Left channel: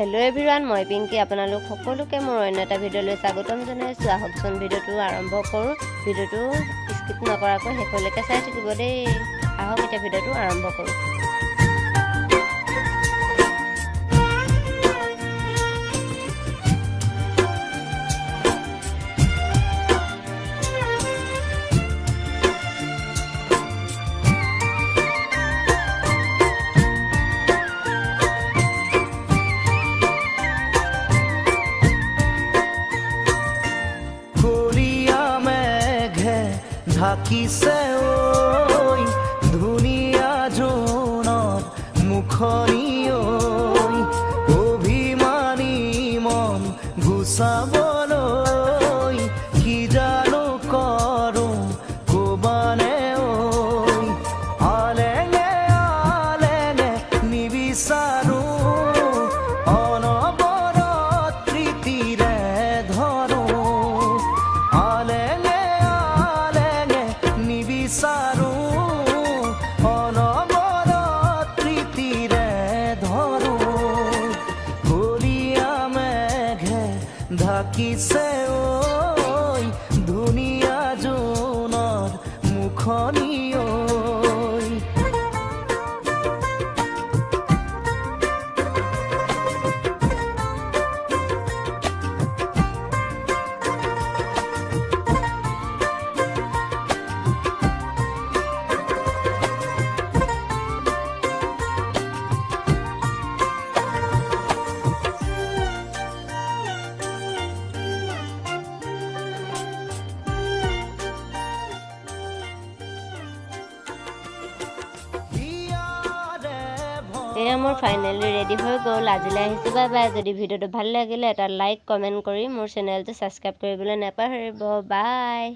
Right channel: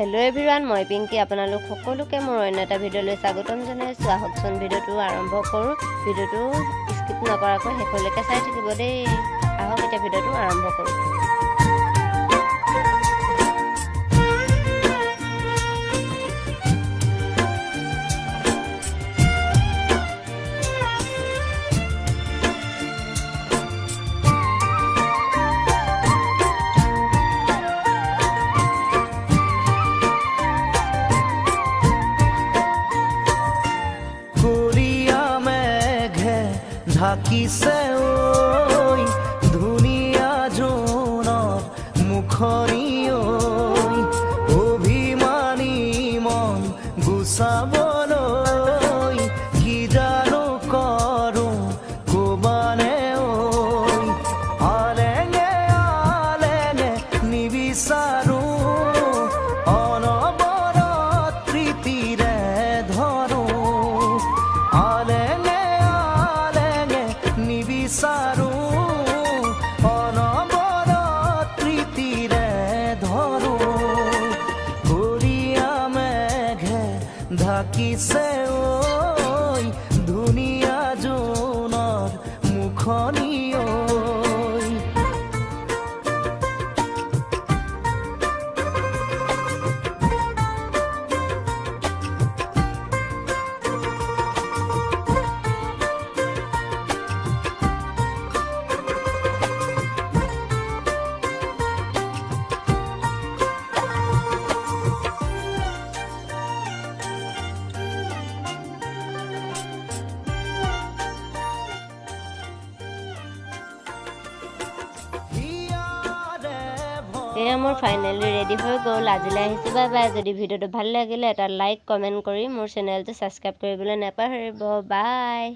Hello everyone मैं पिंकी आपनालोक सकलोके मोर अन्य एटा भिडिओলৈ स्वागतम जनाइছো आहकचोन भिडिओটো आरम्भ करूँ भिडिओটো स्किप नकराকৈ हेखলৈকে চাই থাকিব দেই आहक এটা भिडिओটো आरम्भ करूँ কলিয়া মেঘে ঢাকিছে ঐ ধুনীয়া জোনৰ মুখনি ঐ অভিমানী মন গুচাবলৈ কি জানো কৰোঁ কবানে ঐ আলেঙে আলেঙে নিবিচাৰোঁ অনবৰত প্ৰীতিৰে ধৰোঁ আলেঙে আলেঙে নিবিচাৰোঁ অনবৰত প্ৰীতিৰে ধৰোঁ কলিয়া মেঘে ঢাকিছে ঐ ধুনীয়া জোনৰ মুখনি ঐ এয়া মোৰ ফাইনেলি ৰেডি হৈ গ'ল আজিলৈ আহিছোঁ বাই বাই যদি ভিডিঅ'টো ভাল লাগিলে এটা লাইক কমেণ্ট কৰি মোৰ চেনেলটো ছাবস্ক্ৰাইব কৰিবলৈ নাপাহৰিব বাই।